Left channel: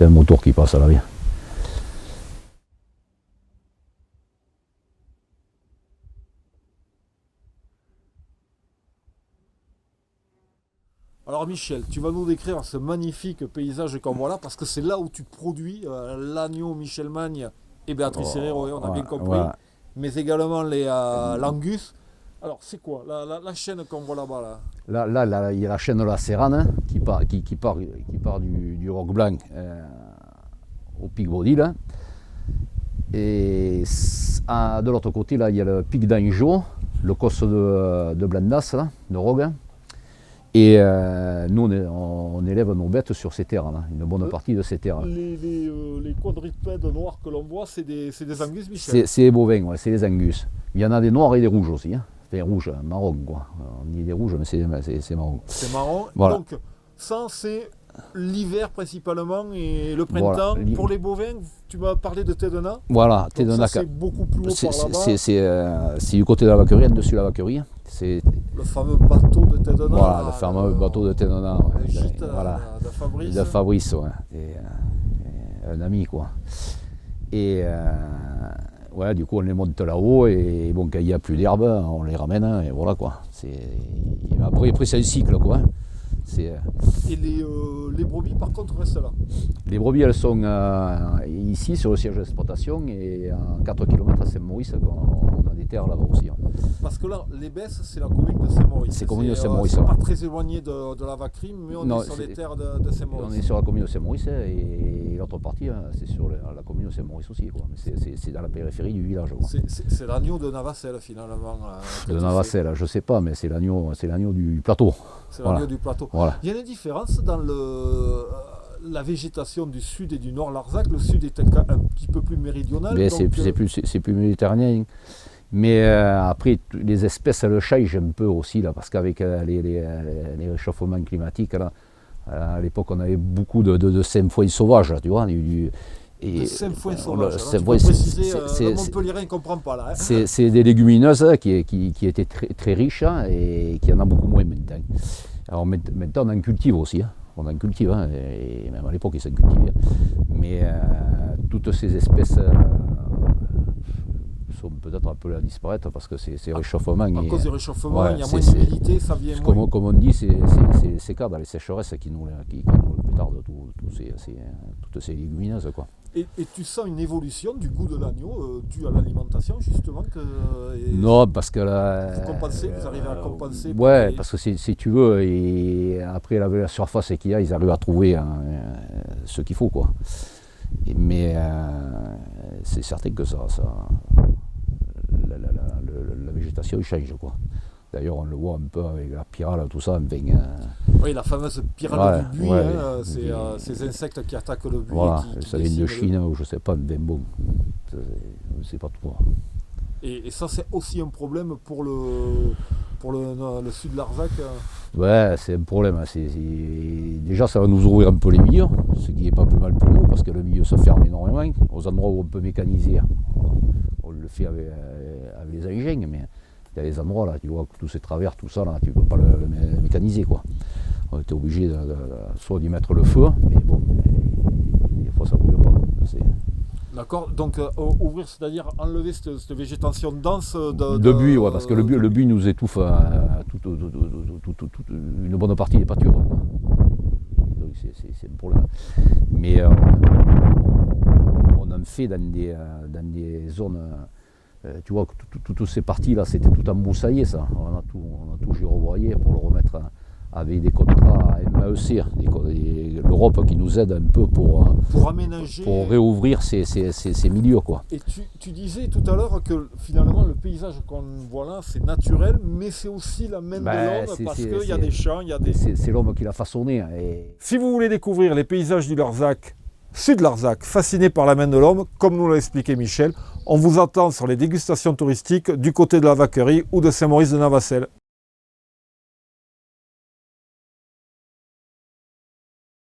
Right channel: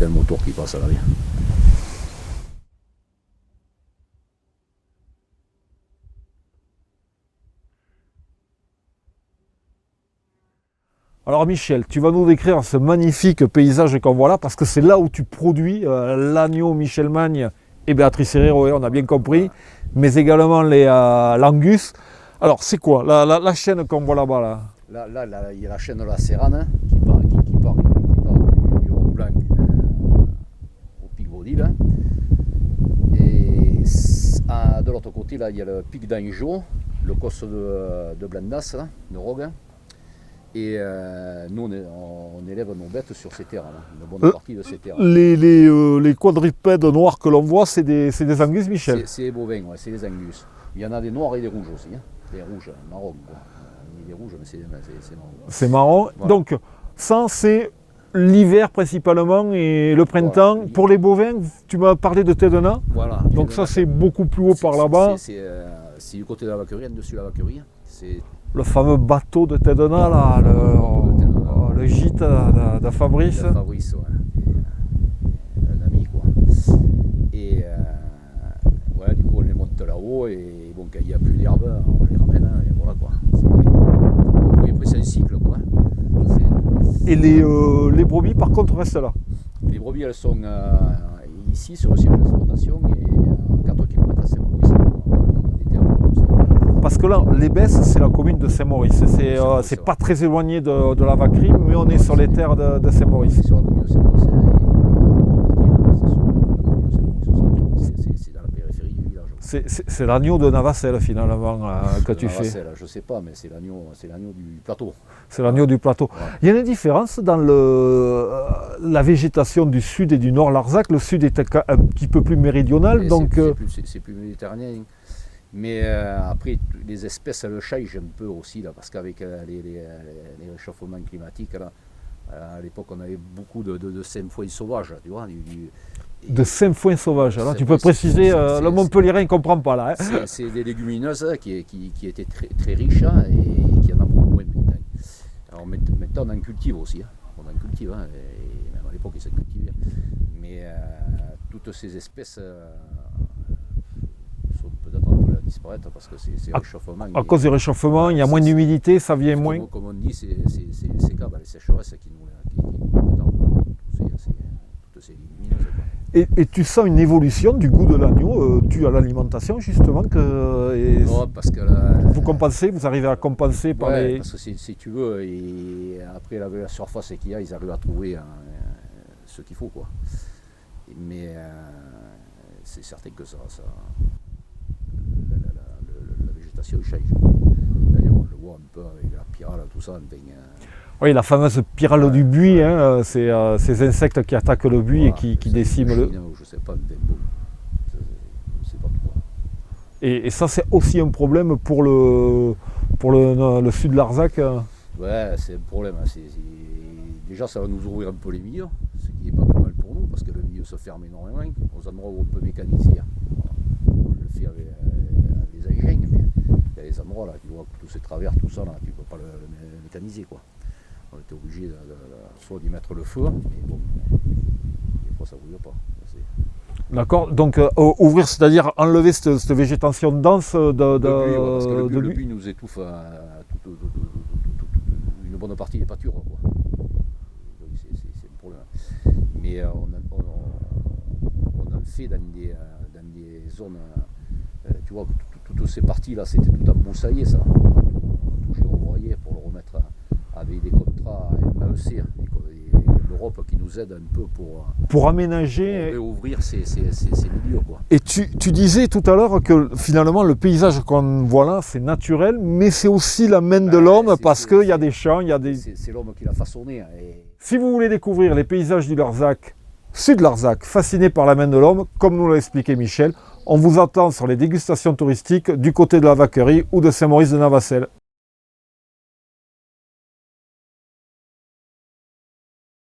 Il y a le moteur qui passe à l'arrière. Alors Michel, tu vas nous décrire ce magnifique paysage qu'on voit là, parce que c'est là où tu produis l'agneau Michel Magne et Béatrice Herrero, on a bien compris, mais également l'Angus. Alors c'est quoi la chaîne qu'on voit là-bas Là, il y a la chaîne de la Serrane qui part du Roc Blanc au pic Baudy, là. Et de l'autre côté, là, il y a le pic d'Anjou, le cos de Blandas, là, de Rogue. Et nous, on élève nos bêtes sur ces terres, là, une bonne partie de ces terres. Les quadrupèdes noirs que l'on voit, c'est des Angus, Michel? C'est les bovins, ouais, c'est les Angus. Il y en a des noirs et des rouges aussi. Hein. Des rouges, marron, quoi. On dit des rouges, mais c'est marron. C'est marron. Voilà. Donc, ça, c'est l'hiver principalement et le printemps. Voilà, pour les bovins, tu m'as parlé de Tedena. Voilà. Donc Tedena, ça, c'est beaucoup plus haut par là-bas. C'est du côté de la vaquerie, dessus la vaquerie. C'est le fameux bateau de Tedena, voilà, le fameux bateau de Tedena. Le gîte de Fabrice. De Fabrice, ouais. Un ami, quoi. Et ouais, du coup, on les monte là-haut et bon, quand il n'y a plus d'herbe, on les ramène et voilà, quoi. Après, c'est un cycle, quoi. Et les brebis, par contre, restent là? Les brebis, elles sont ici, sur le siège d'exploitation, et à 4 km à Saint-Maurice, on a des terres là aussi. Parce que là, les Besses, c'est la commune de Saint-Maurice. C'est pas très éloigné de la vaquerie, mais on est sur les terres de Saint-Maurice. C'est sur la commune de Saint-Maurice, et l'autre partie, c'est sur la commune de Saint-Maurice aussi. C'est dans la périphérie du village. C'est l'agneau de Navacelle, finalement, que tu Navacelle, je ne sais pas, mais c'est l'agneau du plateau. C'est l'agneau du plateau. Voilà. Il y a une différence dans la végétation du sud et du nord Larzac. Le sud est un petit peu plus méridional. C'est plus méditerranéen. Mais après, les espèces, elles changent un peu aussi, là, parce qu'avec les réchauffements climatiques, là, à l'époque, on avait beaucoup de sainfoins sauvages, tu vois. De sainfoins sauvages, là, tu peux préciser, le Montpellierin ne comprend pas là. Hein. C'est des légumineuses qui étaient très riches, hein, et qui en a beaucoup moins maintenant. Alors maintenant, on en cultive aussi, hein. On en cultive, hein, et même à l'époque, ils s'en cultivaient. Mais toutes ces espèces sont peut-être un peu à disparaître parce que c'est réchauffement. À cause du réchauffement, il y a moins d'humidité, ça vient moins. Comme on dit, c'est ces cas dans les sécheresses qui nous retardent toutes ces légumineuses, quoi. Et tu sens une évolution du goût de l'agneau dû à l'alimentation, justement non, parce que là, vous arrivez à compenser parce que si tu veux, et après la surface qu'il y a, ils arrivent à trouver ce qu'il faut, quoi. Mais c'est certain que la végétation change. D'ailleurs, on le voit un peu avec la pyrale, tout ça. Oui, la fameuse pyrale du buis, hein, c'est ces insectes qui attaquent le buis et qui déciment le... Chine, ou je ne sais pas, bon, je ne sais pas trop. Et ça, c'est aussi un problème pour le sud de Larzac. Ouais, c'est un problème. Déjà, ça va nous ouvrir un peu les milieux, ce qui n'est pas plus mal pour nous, parce que le milieu se ferme énormément. Aux endroits où on peut mécaniser, on le fait avec les engins, mais il y a des endroits là, tu vois, tous ces travers, tout ça, là, tu ne peux pas le mécaniser, quoi. On était obligé soit d'y mettre le feu, mais bon, des fois ça ne bouge pas. D'accord, donc ouvrir, c'est-à-dire enlever cette végétation dense de buis, ouais, parce que le buis nous étouffe une bonne partie des pâtures. Donc c'est un problème. Mais on en fait dans des zones, tu vois, toutes ces parties-là, c'était tout embroussaillé, ça. On a tout girobroyé pour le remettre avec des contrats MAEC, l'Europe qui nous aide un peu pour aménager, pour réouvrir ces milieux, quoi. Et tu disais tout à l'heure que finalement le paysage qu'on voit là, c'est naturel, mais c'est aussi la main de l'homme, parce qu'il y a des champs, il y a des... C'est l'homme qui l'a façonné. Si vous voulez découvrir les paysages du Larzac, sud Larzac, fasciné par la main de l'homme, comme nous l'a expliqué Michel, on vous attend sur les dégustations touristiques du côté de la Vaquerie ou de Saint-Maurice de Navacelle.